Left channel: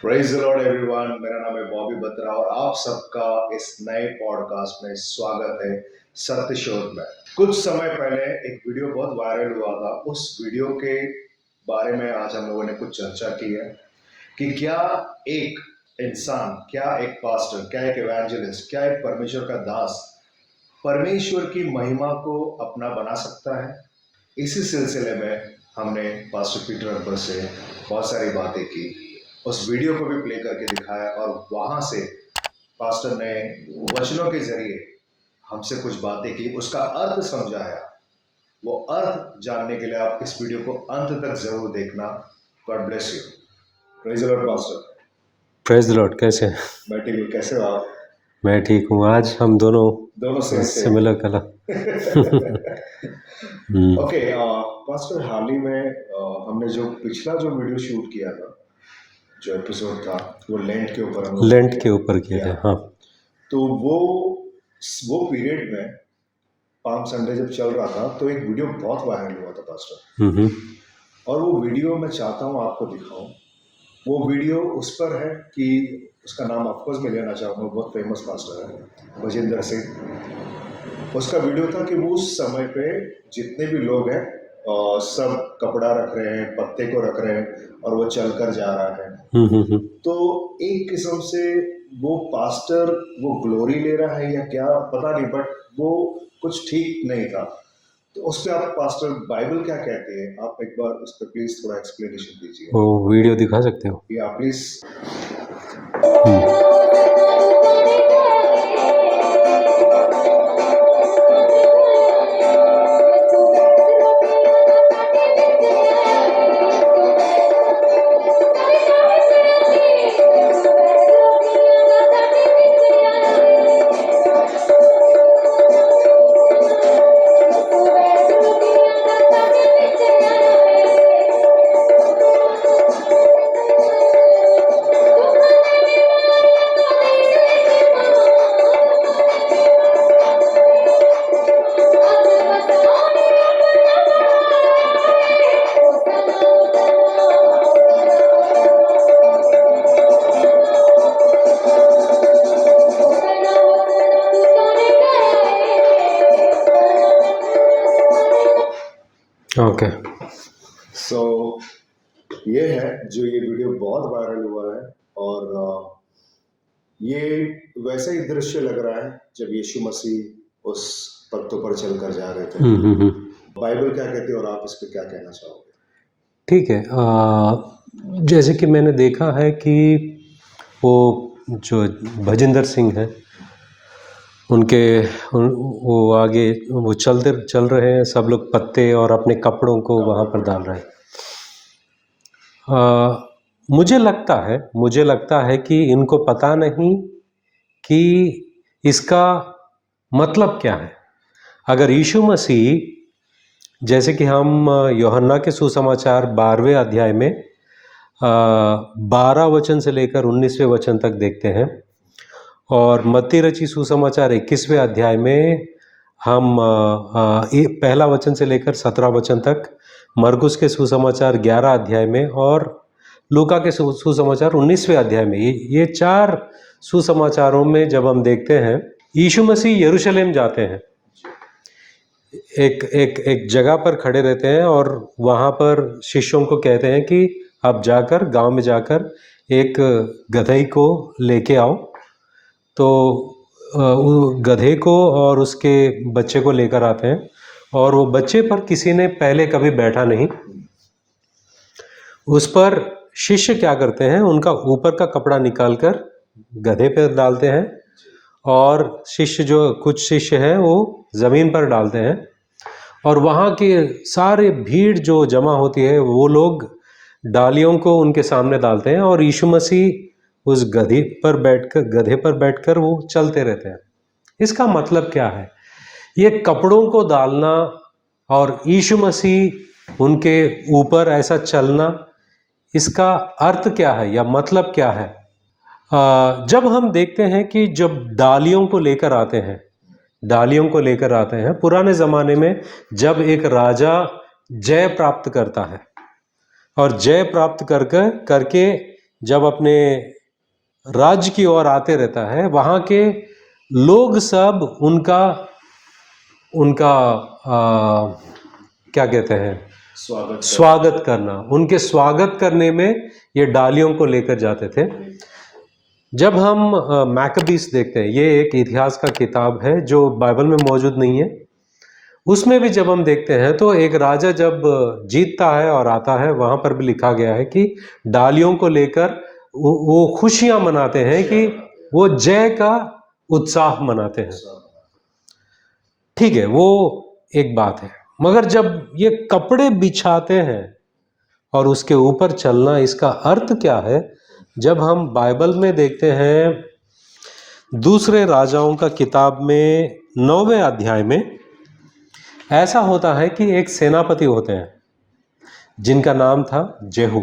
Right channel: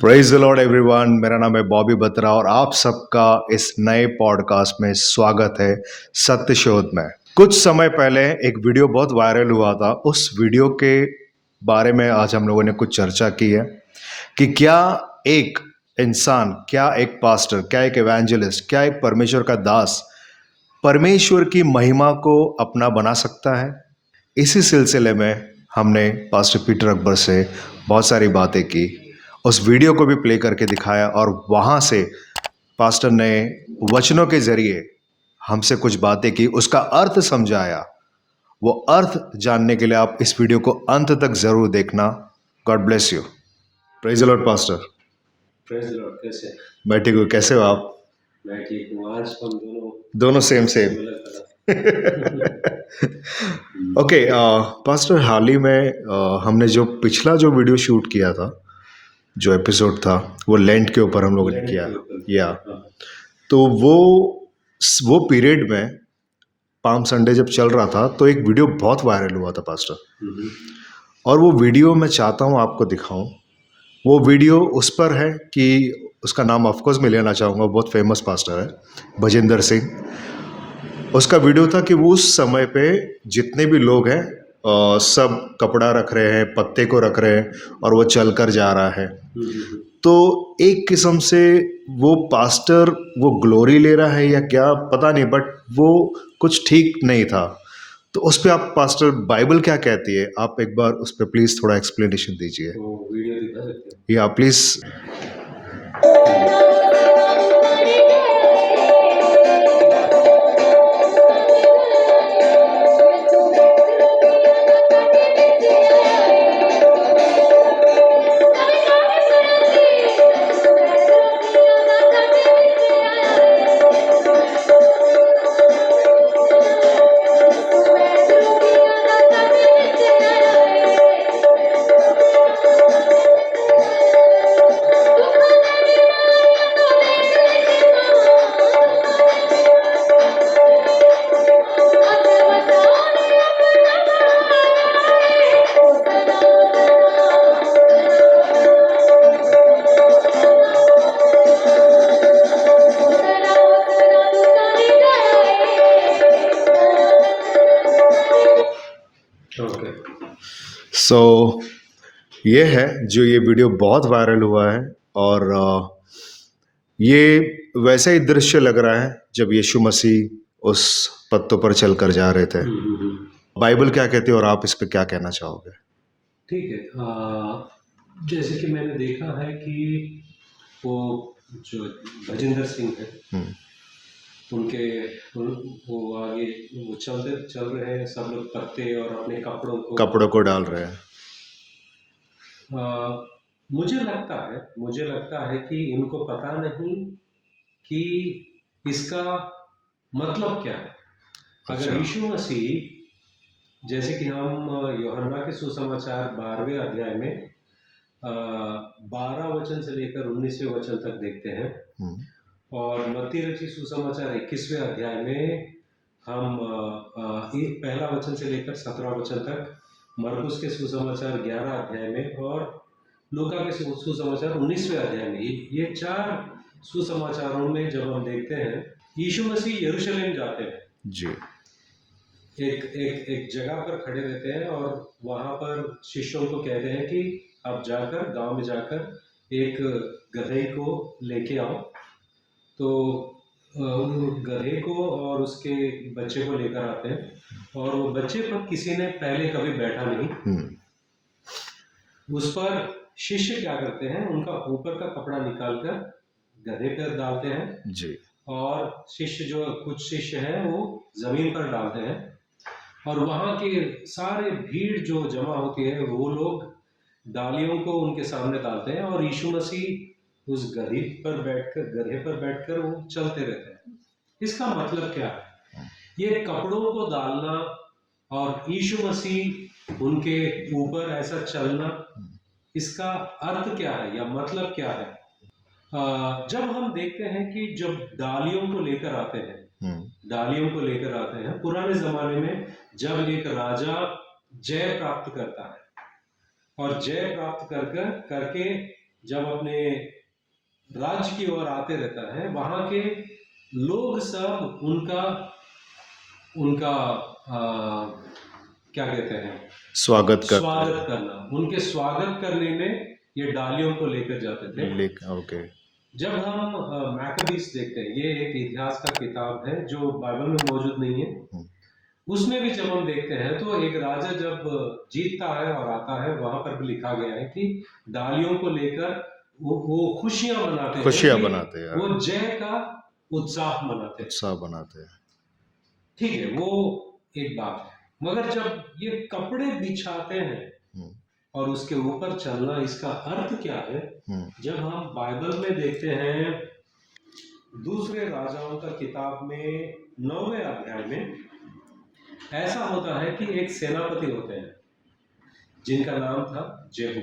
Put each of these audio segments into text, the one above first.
Praise the Lord everyone. मेरा नाम है बॉबी बत्रा और आप सबका इस नए पॉडकास्ट में स्वागत है सत्य शोध में। कुछ समय पहले एक वीडियो बहुत वायरल हुआ था। उस वीडियो के बारे में आज हम लोगों ने कुछ चर्चा की है कि क्या एक इंसान, क्या एक पास्टर, क्या एक इवेंजलिस्ट, क्या एक परमेश्वर का दास परमेश्वर की महिमा को अपना बना सकता है। इसी सिलसिले में हमने पास्टर पीटर अकबर से बहुत सारी बातें की, उस वीडियो को भी प्ले करके दिखाया और वहाँ से पास्टर ने वचनों के जरिए हमसे कुछ बातें की, उसका अर्थ समझाया। वो अर्थ जानने के लिए आप इस वीडियो को अंत तक जरूर देखना। God bless you. Praise the Lord pastor. Praise the Lord. कैसे हैं? मैं ठीक हूँ, कैसे हो आप? मैं ठीक हूँ। आज हम दोनों same similar colour. Okay pastor, हाल ही में हमने जो पिछला जो वीडियो शूट किया था, जो एपिसोड था, वो लेंट के ऊपर हम लोगों ने लेंट किया के था। ऊपर किया था। हाँ। तो वो पीरियड में पाम संडे जब चल रहा था तो एक वीडियो बहुत वायरल हुआ था पास्टर, और वो वीडियो मैं चाहता हूँ आपको दिखाऊं। वो वीडियो उस पर है कि उसका नाम ऑफकोर्स मैं लेना चाहूँगा, बहुत फेमस पास्टर है भजिंदर सिंह। उसका वीडियो था कि वो उस समय पे जितने भी लोग हैं सब कपड़ा रख रहे हैं, पत्ते को रख रहे हैं और वो चल कर जा रहा है। तो एक किस्म से वो पास्टर वो ग्लोरी ले रहा है या क्या पता नहीं, बट वो कुछ ठीक नहीं था। तो उस पर आप पास्टर, बाइबल क्या कहती है, आप एक बार उस पर प्लीज थोड़ा एक्सप्लेनेशन दीजिए। वो वीडियो दिखा सकते हो? या प्लीज। ओके। सो ये है जो ये वीडियो बहुत वायरल हुआ है, और ये वैसे ही दृश्य लग रहा है जब यीशु मसीह उस पत्तों पर चलकर जा रहे थे। बाइबल क्या कहती है और आप इस पे क्या कहना चाहोगे? ठीक है। जैसे कि मैंने देखा है कि वो जो भजिंदर सिंह है, वो आगे वो चल रहे हैं, सब लोग पत्ते और अपने कपड़ों को वहाँ पर डाल रहे हैं। मुझे लगता है कि इनको पता नहीं कि इसका मतलब क्या है। अगर यीशु मसीह, जैसे कि हम यूहन्ना के सुसमाचार 12वें अध्याय में 12 वचन से लेकर 19वें वचन तक देखते हैं, और मत्ती रची सुसमाचार 21वें अध्याय में हम पहला वचन से लेकर 17 वचन तक, मरकुस के सुसमाचार 11 अध्याय में, और लूका के सुसमाचार 19वें अध्याय में, ये 4 सुसमाचारों में जब हम देखते हैं, यीशु मसीह यरूशलेम जाते हैं जी। एक जगह पर खड़े रहते हैं और वहाँ पर शिष्यों को कहते हैं कि आप जाकर गांव में जाकर एक गधे को लेके आओ। तो गधे को और उसके बच्चे को लेकर आते हैं, और वो बच्चे पर किसी ने पहले कभी बैठा नहीं। उस पर शिष्य क्या करते हैं, उनका ऊपर का कपड़ा निकालकर गधे पर डालते हैं जी। और कुछ शिष्य हैं वो जमीन पर डालते हैं, और वहाँ के सारे भीड़ जो जमा होती है वो लोग डालियों को उनके सामने डालते हैं, और यीशु मसीह उस गधे पर बैठकर वो चलते रहते हैं। इसका मतलब क्या है? ये कपड़ों को डालना और यीशु मसीह उनके ऊपर ऐसा चलना, इसका अर्थ क्या है या मतलब क्या है? जब हम देखते हैं कि जब डालियों को लेकर आते हैं पुराने ज़माने में, जब एक राजा जय प्राप्त करता है और जय प्राप्त करके जब अपने राज्य की ओर आते रहता है, वहाँ के लोग सब उनका उनका क्या कहते हैं, स्वागत करना, उनके स्वागत करने में ये डालियों को लेकर जाते थे। ओके। जब हम मैकबीस देखते हैं, ये एक इतिहास का किताब है जो बाइबल में मौजूद नहीं है, उसमें भी जब हम देखते हैं तो एक राजा जब जीतता है और आता है, वहां पर भी लिखा गया है कि डालियों को लेकर वो खुशियां मनाते हैं कि वो जय का उत्साह मनाते हैं। ठीक है, वो एक बात है, मगर जब ये कपड़े बिछाते हैं और उसके ऊपर चलना, इसका अर्थ क्या है? जब हम बाइबल में देखते हैं, दूसरे राजाओं का किताब में 9वें अध्याय में ऐसा होता है कि एक सेनापति होते हैं जिनका नाम था जेहू।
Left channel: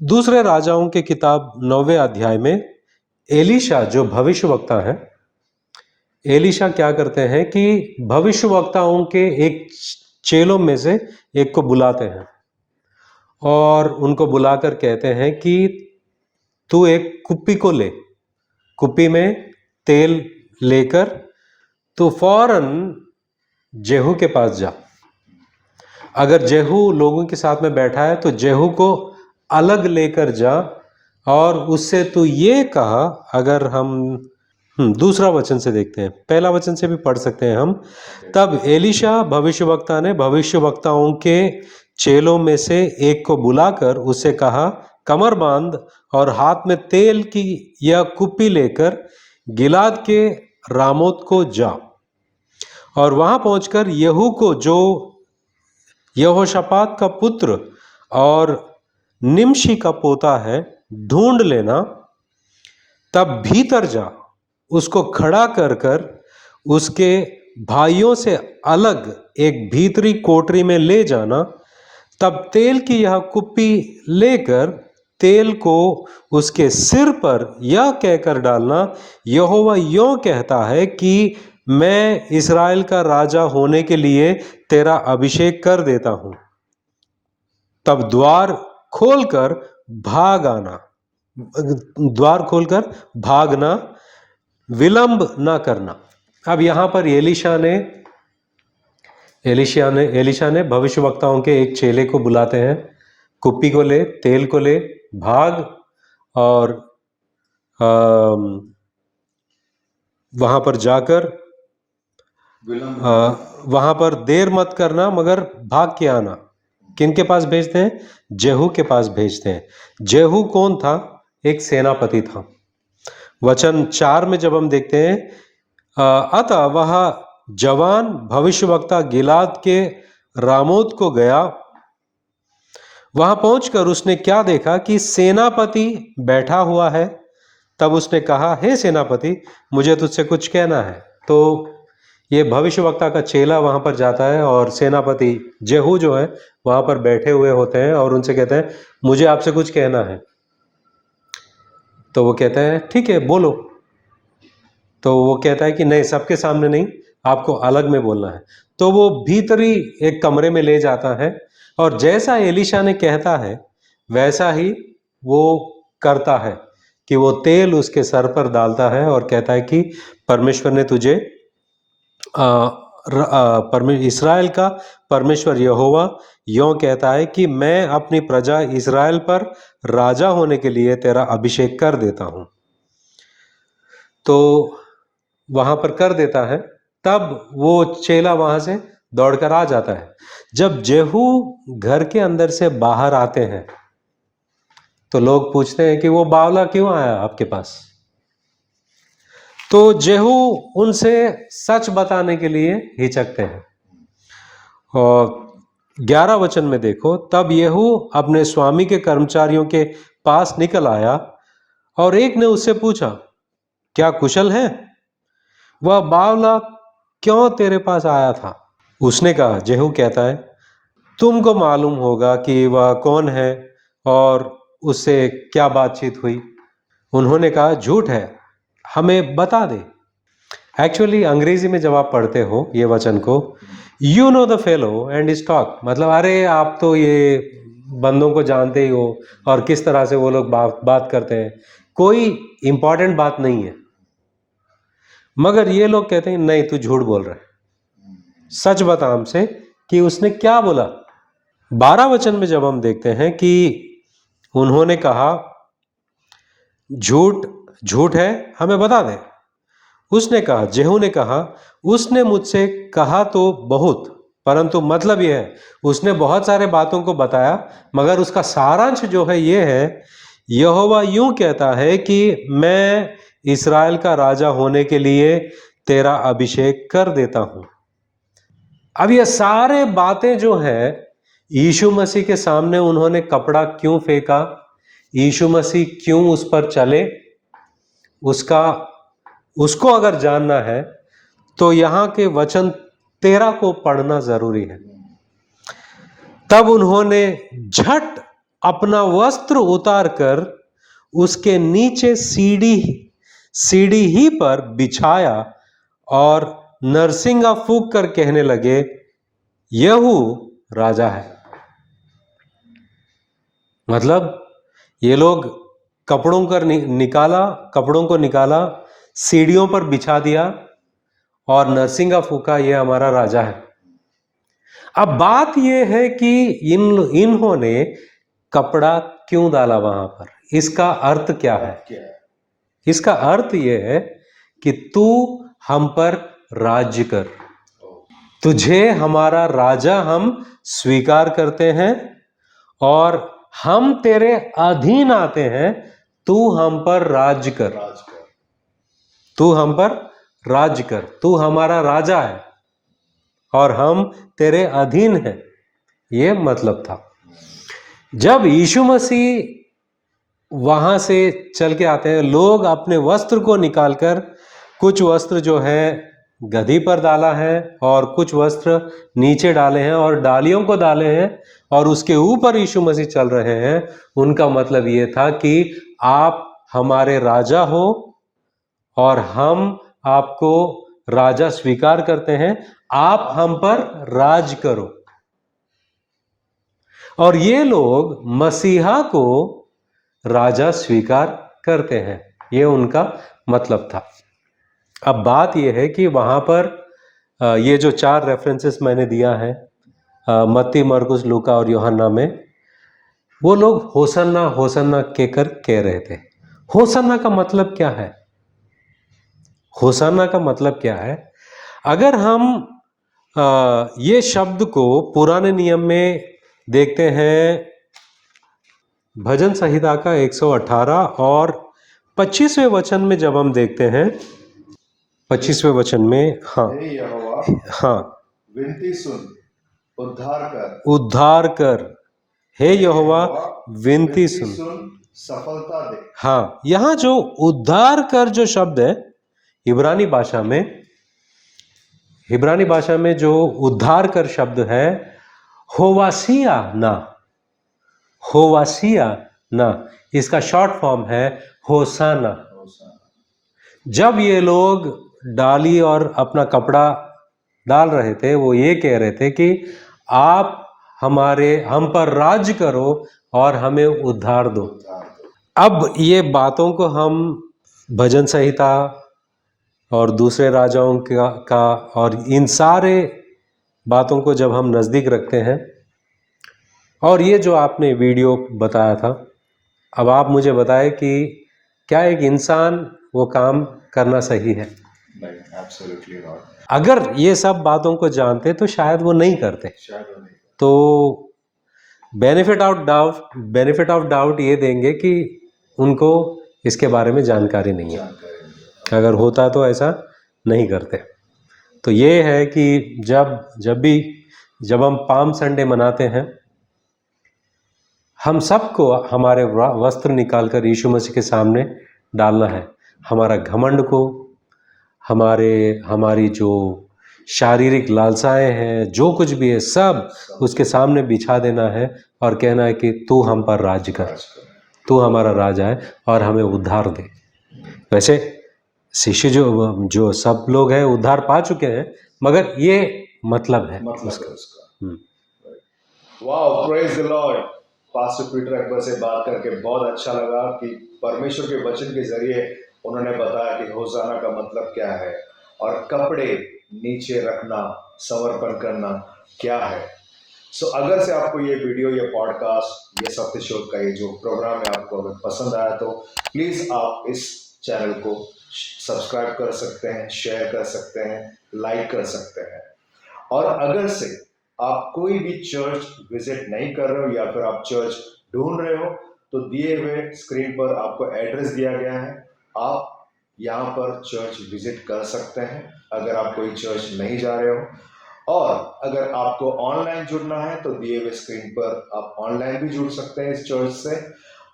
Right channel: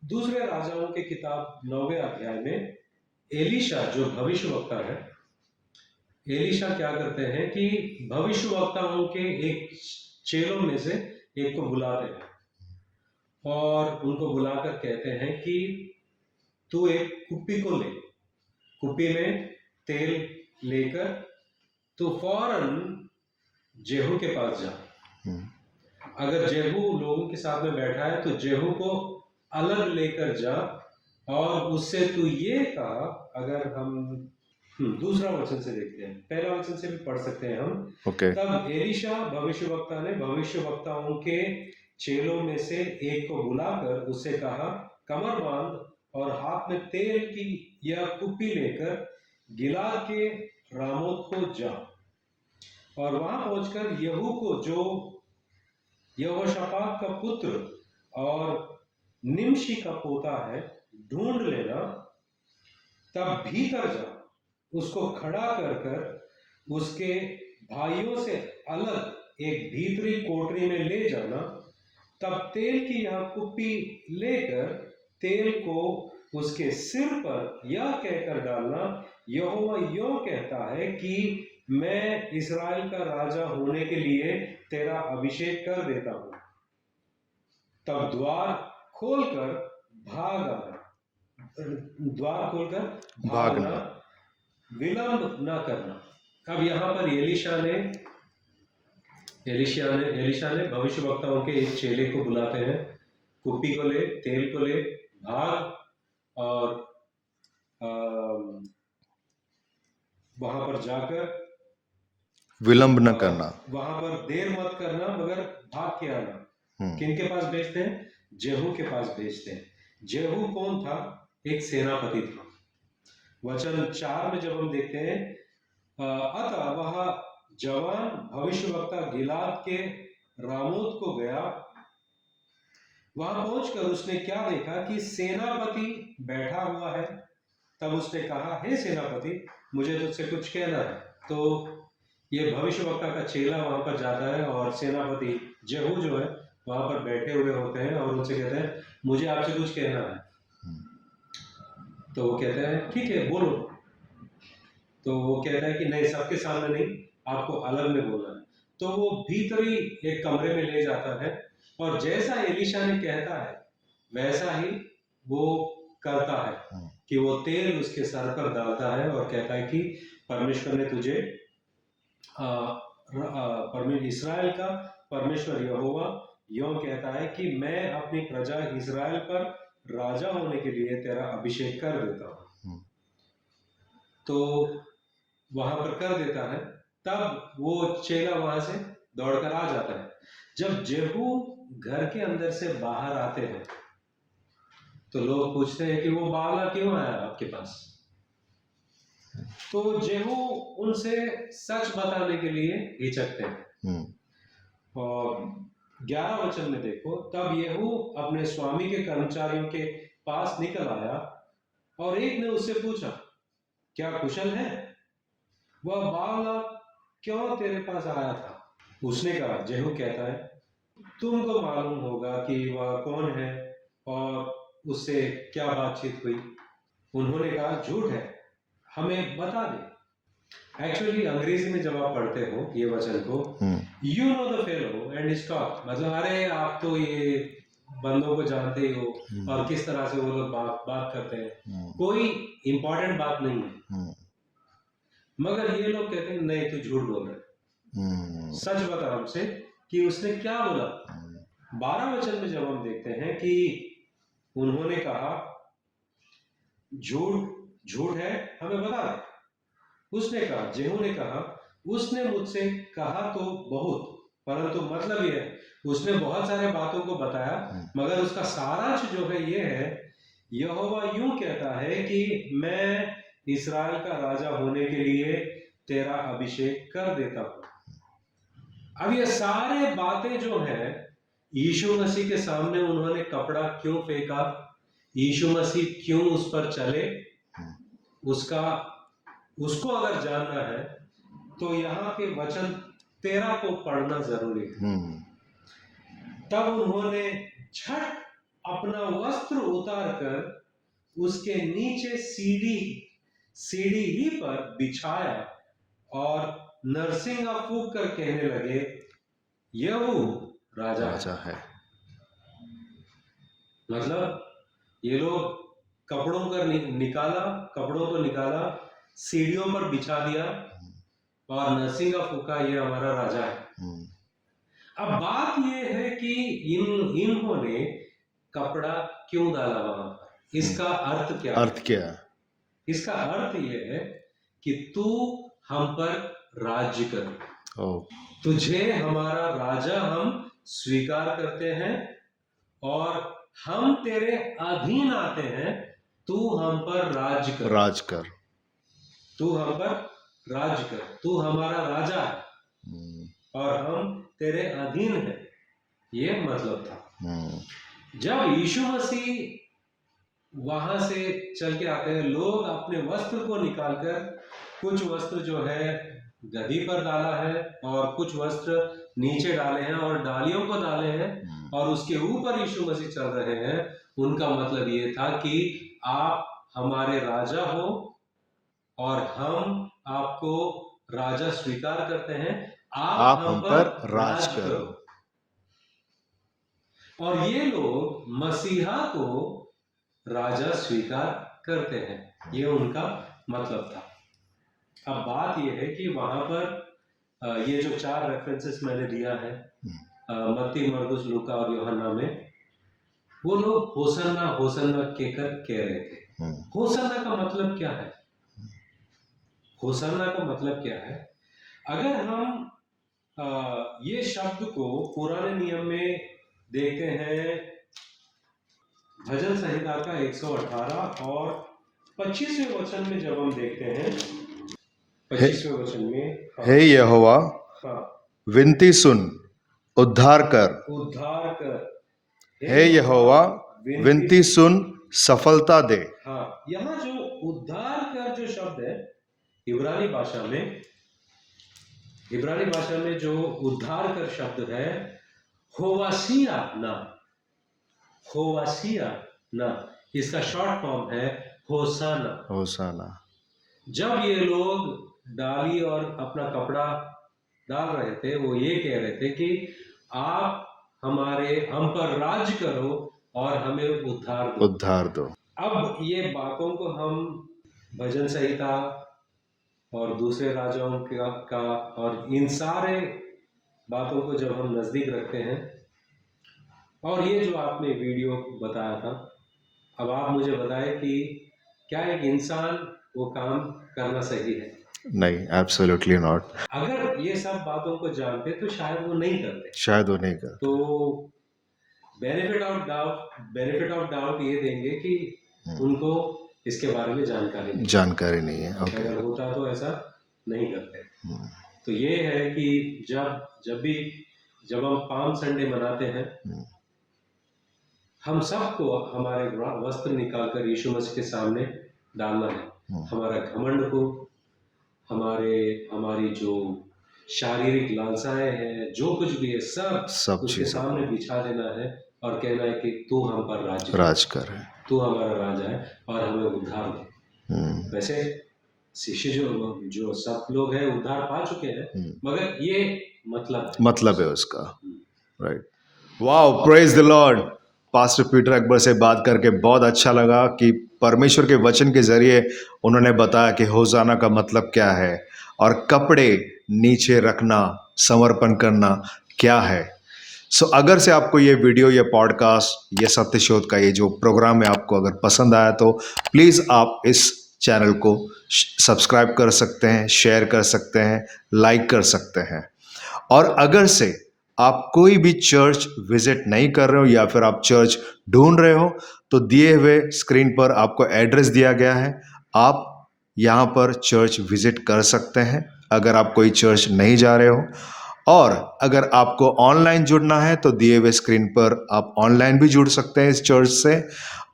दूसरे राजाओं के किताब 9वें अध्याय में एलीशा जो भविष्यवक्ता है, एलीशा क्या करते हैं कि भविष्यवक्ताओं के एक चेलों में से एक को बुलाते हैं और उनको बुलाकर कहते हैं कि तू एक कुप्पी को ले, कुप्पी में तेल लेकर तो फौरन जेहू के पास जा। अगर जेहू लोगों के साथ में बैठा है तो जेहू को अलग लेकर जा और उससे तू ये कहा, अगर हम दूसरा वचन से देखते हैं, पहला वचन से भी पढ़ सकते हैं हम। तब एलीशा भविष्यवक्ता ने भविष्यवक्ताओं के चेलों में से एक को बुलाकर उससे कहा, कमर बांध और हाथ में तेल की यह कुप्पी लेकर गिलाद के रामोत को जा और वहां पहुंचकर यहू को, जो यहोशापात का पुत्र और निमशी का पोता है, ढूंढ लेना। तब भीतर जा, उसको खड़ा कर कर उसके भाइयों से अलग एक भीतरी कोठरी में ले जाना। तब तेल की यह कुप्पी लेकर तेल को उसके सिर पर यह कहकर डालना, यहोवा यों कहता है कि मैं इस्राएल का राजा होने के लिए तेरा अभिषेक कर देता हूं। तब द्वार खोलकर भागना, विलंब ना करना। अब यहां पर एलीशा ने भविष्यवक्ताओं के एक चेले को बुलाते हैं, कुप्पी को ले, तेल को ले, भाग और वहां पर जाकर विलंब न करना, वहां पर देर मत करना, मगर भाग के आना। किनके पास भेजते हैं? जेहू के पास भेजते हैं। जेहू कौन था? एक सेनापति था। वचन 4 में जब हम देखते हैं, अतः वह जवान भविष्यवक्ता गिलाद के रामोत को गया। वहां पहुंचकर उसने क्या देखा कि सेनापति बैठा हुआ है। तब उसने कहा, हे सेनापति, मुझे तुझसे कुछ कहना है। तो ये भविष्यवक्ता का चेला वहां पर जाता है और सेनापति जेहू जो है वहां पर बैठे हुए होते हैं और उनसे कहते हैं, मुझे आपसे कुछ कहना है। तो वो कहता है, ठीक है, बोलो। तो वो कहता है कि नहीं, सबके सामने नहीं, आपको अलग में बोलना है। तो वो भीतरी एक कमरे में ले जाता है और जैसा एलीशा ने कहता है वैसा ही वो करता है कि वो तेल उसके सर पर डालता है और कहता है कि परमेश्वर ने तुझे इस्राएल का परमेश्वर यहोवा यों कहता है कि मैं अपनी प्रजा इस्राएल पर राजा होने के लिए तेरा अभिषेक कर देता हूं। तो वहां पर कर देता है। तब वो चेला वहां से दौड़कर आ जाता है। जब जेहू घर के अंदर से बाहर आते हैं तो लोग पूछते हैं कि वो बावला क्यों आया आपके पास? तो जेहू उनसे सच बताने के लिए हिचकते हैं। और 11 वचन में देखो, तब येहू अपने स्वामी के कर्मचारियों के पास निकल आया और एक ने उससे पूछा, क्या कुशल है? वह बावला क्यों तेरे पास आया था? उसने कहा, जेहू कहता है, तुमको मालूम होगा कि वह कौन है और उससे क्या बातचीत हुई। उन्होंने कहा, झूठ है, हमें बता दे। एक्चुअली अंग्रेजी में जब आप पढ़ते हो ये वचन को, you know the fellow and his talk, मतलब अरे आप तो ये बंदों को जानते ही हो और किस तरह से वो लोग बात करते हैं, कोई इंपॉर्टेंट बात नहीं है। मगर ये लोग कहते हैं नहीं, तू झूठ बोल रहा है, सच बता हमसे कि उसने क्या बोला। 12 वचन में जब हम देखते हैं कि उन्होंने कहा झूठ झूठ है, हमें बता दे। उसने कहा, जेहू ने कहा, उसने मुझसे कहा तो बहुत, परंतु मतलब यह है उसने बहुत सारे बातों को बताया, मगर उसका सारांश जो है ये है, यहोवा यूं कहता है कि मैं इस्राएल का राजा होने के लिए तेरा अभिषेक कर देता हूं। अब ये सारे बातें जो है, यीशु मसीह के सामने उन्होंने कपड़ा क्यों फेंका, यीशु मसीह क्यों उस पर चले, उसको अगर जानना है तो यहाँ के वचन 13 को पढ़ना जरूरी है। तब उन्होंने झट अपना वस्त्र उतारकर उसके नीचे सीढ़ी ही पर बिछाया और नरसिंगा फूंक कर कहने लगे, यहू राजा है। मतलब ये लोग कपड़ों को निकाला, सीढ़ियों पर बिछा दिया और नरसिंगा फूंका, ये हमारा राजा है। अब बात ये है कि इन्होंने कपड़ा क्यों डाला वहां पर, इसका अर्थ क्या है? इसका अर्थ ये है कि तू हम पर राज्य कर, तुझे हमारा राजा हम स्वीकार करते हैं और हम तेरे अधीन आते हैं, तू हम पर राज कर, तू हम पर राज कर, तू हमारा राजा है और हम तेरे अधीन हैं। ये मतलब था। जब यीशु मसीह वहां से चल के आते हैं, लोग अपने वस्त्र को निकालकर, कुछ वस्त्र जो है गधी पर डाला है और कुछ वस्त्र नीचे डाले हैं और डालियों को डाले हैं और उसके ऊपर यीशु मसीह चल रहे हैं। उनका मतलब ये था कि आप हमारे राजा हो और हम आपको राजा स्वीकार करते हैं, आप हम पर राज करो। और ये लोग मसीहा को राजा स्वीकार करते हैं, ये उनका मतलब था। अब बात ये है कि वहां पर ये जो 4 रेफरेंसेस मैंने दिया है, मत्ती, मरकुस, लूका और यूहन्ना में, वो लोग होसन्ना होसन्ना कहकर कह रहे थे। होसन्ना का मतलब क्या है? होसन्ना का मतलब क्या है? अगर हम ये शब्द को पुराने नियम में देखते हैं, भजन संहिता का 118 और 25वें वचन में जब हम देखते हैं, 25वें वचन में, हाँ, हे यहोवा, हाँ, विनती सुन, उद्धार कर, हे यहोवा, विनती सुन, सफलता दे। हाँ, यहाँ जो उद्धार कर जो शब्द है, इब्रानी भाषा में जो उद्धार कर शब्द है, होवासिया ना, इसका शॉर्ट फॉर्म है होसाना। जब ये लोग डाली और अपना कपड़ा डाल रहे थे, वो ये कह रहे थे कि आप हम पर राज करो और हमें उद्धार दो। अब ये बातों को हम भजन संहिता और दूसरे राजाओं का और इन सारे बातों को जब हम नज़दीक रखते हैं, और ये जो आपने वीडियो बताया था, अब आप मुझे बताएं कि क्या एक इंसान वो काम करना सही है? नहीं, एब्सोल्युटली नॉट। अगर ये सब बातों को जानते तो शायद वो नहीं करते। तो बेनिफिट ऑफ डाउट ये देंगे कि उनको इसके बारे में जानकारी नहीं है। अगर होता तो ऐसा नहीं करते। तो ये है कि जब हम पाम संडे मनाते हैं, हम सबको हमारे वस्त्र निकालकर यीशु मसीह के सामने डालना है। हमारा घमंड को, हमारी जो शारीरिक लालसाएं हैं, जो कुछ भी है, सब उसके सामने बिछा देना है और कहना है कि तू हम पर राज कर, तू हमारा राजा है और हमें उद्धार दे। वैसे शिष्य जो सब लोग हैं उद्धार पा चुके हैं, मगर ये मतलब है उसका। Right. Wow, praise the Lord. Pastor Peter Akbar से बात करके बहुत अच्छा लगा कि परमेश्वर के वचन के ज़रिए उन्होंने बताया कि होसाना का मतलब क्या है और कपड़े नीचे रखना, समर्पण करना क्या है। सो अगर से आपको ये वीडियो, ये पॉडकास्ट, ये सत्य शोध का ये जो प्रोग्राम है आपको अगर पसंद आया तो प्लीज़ आप इस चैनल को सब्सक्राइब कर सकते हैं, शेयर कर सकते हैं, लाइक कर सकते हैं। और अगर से आप कोई भी चर्च विजिट नहीं कर रहे हो या फिर आप चर्च ढूंढ रहे हो तो दिए हुए स्क्रीन पर आपको एड्रेस दिया गया है, आप यहाँ पर चर्च विजिट कर सकते हैं अगर आप कोई चर्च नहीं जा रहे हो। और अगर आपको ऑनलाइन जुड़ना है तो दिए हुए स्क्रीन पर आप ऑनलाइन भी जुड़ सकते हैं इस चर्च से।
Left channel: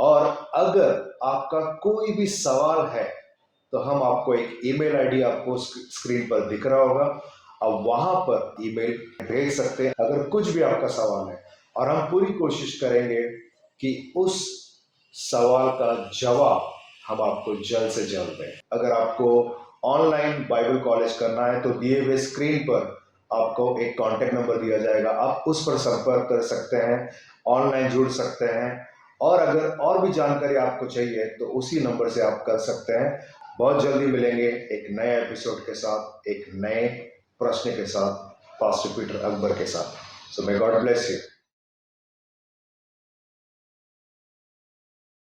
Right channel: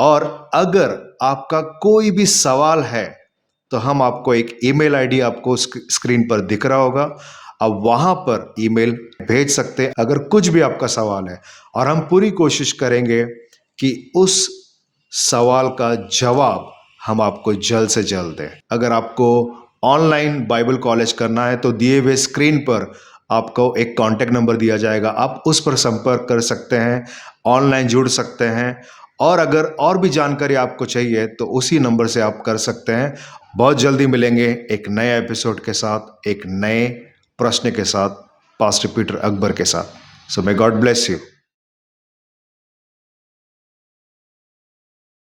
और अगर आपका कोई भी सवाल है तो हम आपको एक ईमेल आईडी आपको स्क्रीन पर दिख रहा होगा, आप वहां पर ईमेल भेज सकते हैं अगर कुछ भी आपका सवाल है, और हम पूरी कोशिश करेंगे कि उस सवाल का जवाब हम आपको जल्द से जल्द दें। अगर आपको ऑनलाइन बाइबल कॉलेज करना है तो दिए हुए स्क्रीन पर आपको एक कॉन्टैक्ट नंबर दिया जाएगा, आप उस पर संपर्क कर सकते हैं, ऑनलाइन जुड़ सकते हैं। और अगर और भी जानकारी आपको चाहिए तो उसी नंबर से आप कर सकते हैं। बहुत जल्दी मिलेंगे एक नए एपिसोड के साथ, एक नए प्रश्न के साथ, पास्टर पीटर अकबर के साथ। सो मे गॉड ब्लेस यू।